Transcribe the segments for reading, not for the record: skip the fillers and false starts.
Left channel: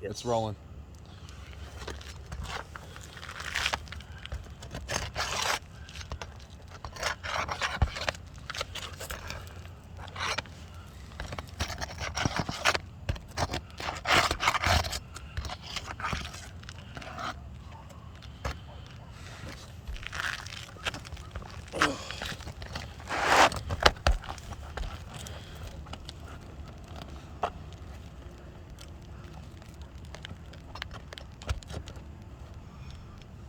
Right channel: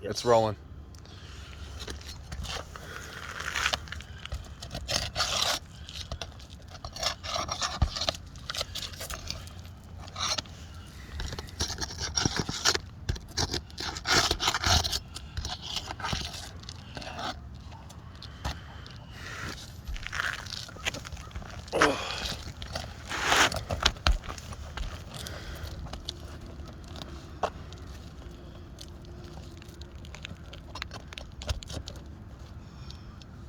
Yes. It's rolling.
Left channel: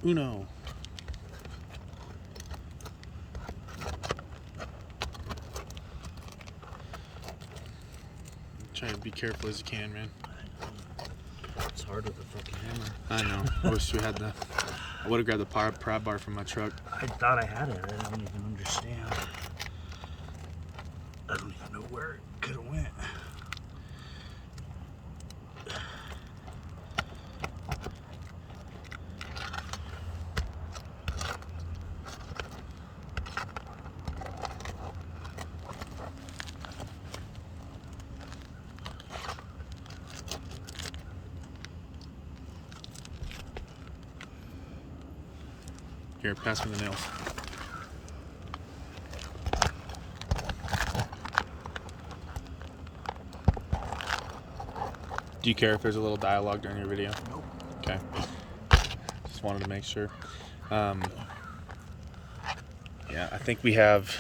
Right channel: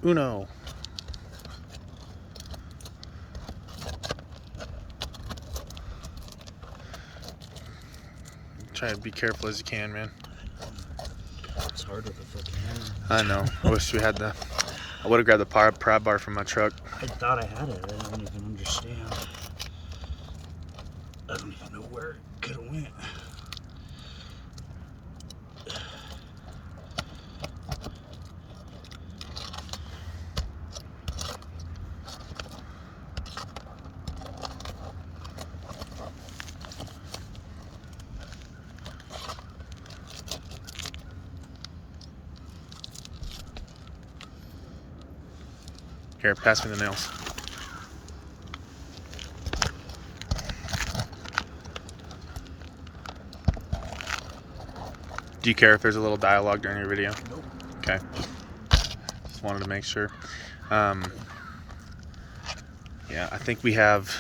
Uno. Try to be careful as you can, man. It's hard with a fucking hammer. I know. I wish we had the. I would have grabbed the prod bar from my truck. I thought I had it. I don't even understand. I don't even know where it could have went. Here, pass me the nails. Do you care if there's a little dialogue during your video? Nope. Okay. Just wanted to make sure. Yeah, I think we have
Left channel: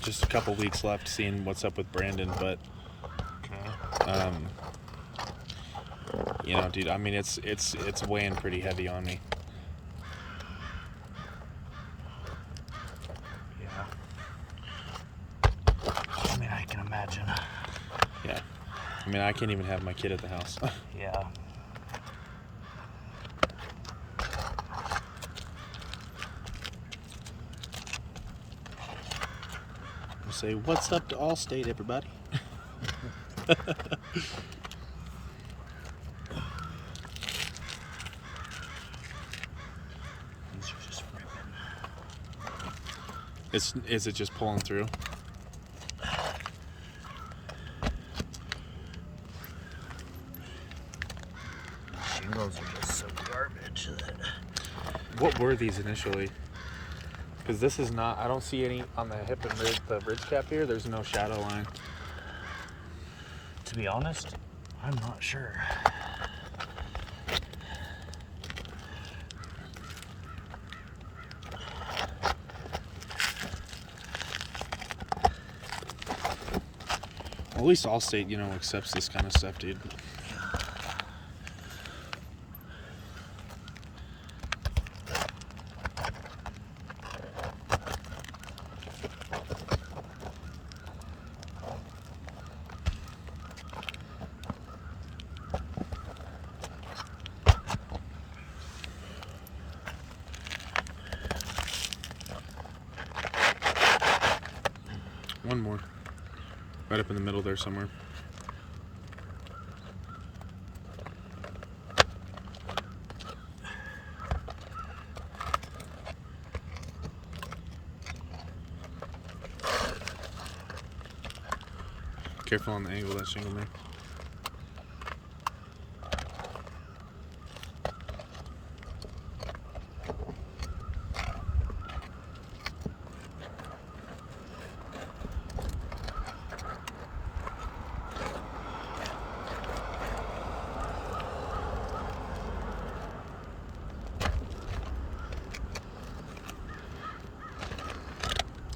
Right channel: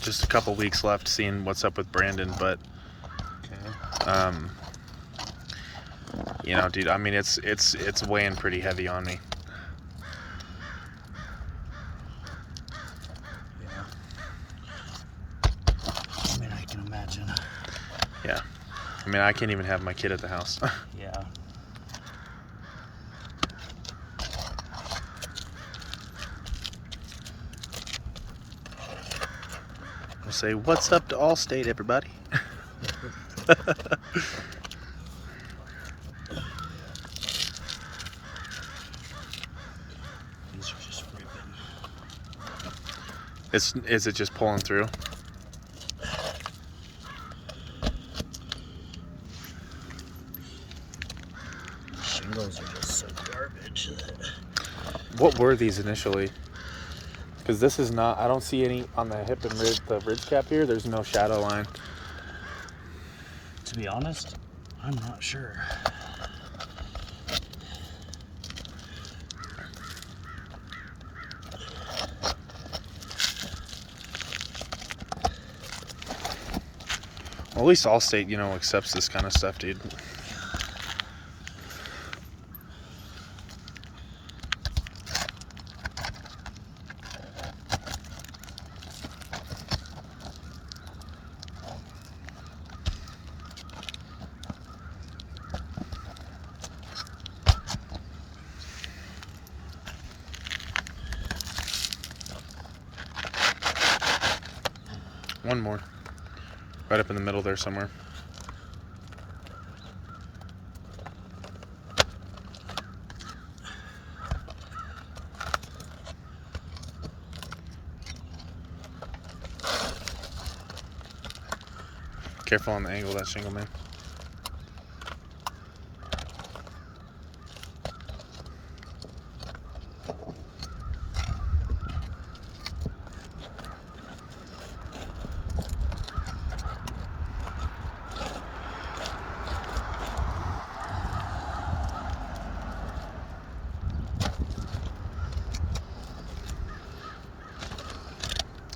just a couple weeks left seeing what's up with Brandon, but you know, dude, I mean, it's weighing pretty heavy on me. Yeah. I mean, I can imagine. Yeah. I mean, I can't even have my kid at the house. Yeah. We'll say, what's up to Allstate, everybody? These are just ripping. Is it just pulling through? Shingles are just so garbage. What were these initially? Because this is not, I don't see any on the hip and the ridge cap here. There's no shadow line. To be honest, I'm not sure. Well, at least Allstate, you know, accepts this kind of stuff, dude. One more. Right up in the middle there somewhere. Careful on the angle of that shingle, man.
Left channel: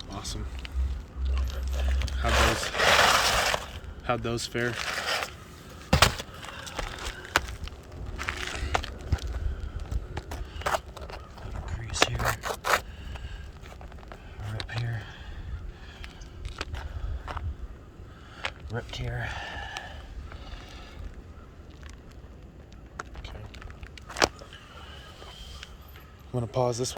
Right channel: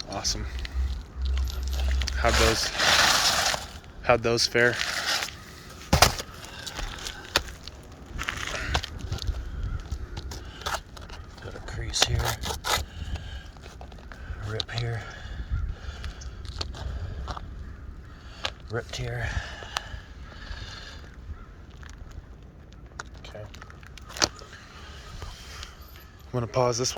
Awesome. How'd those fare? Got a crease here. Rip here. Ripped here. Okay. I'm gonna pause this one.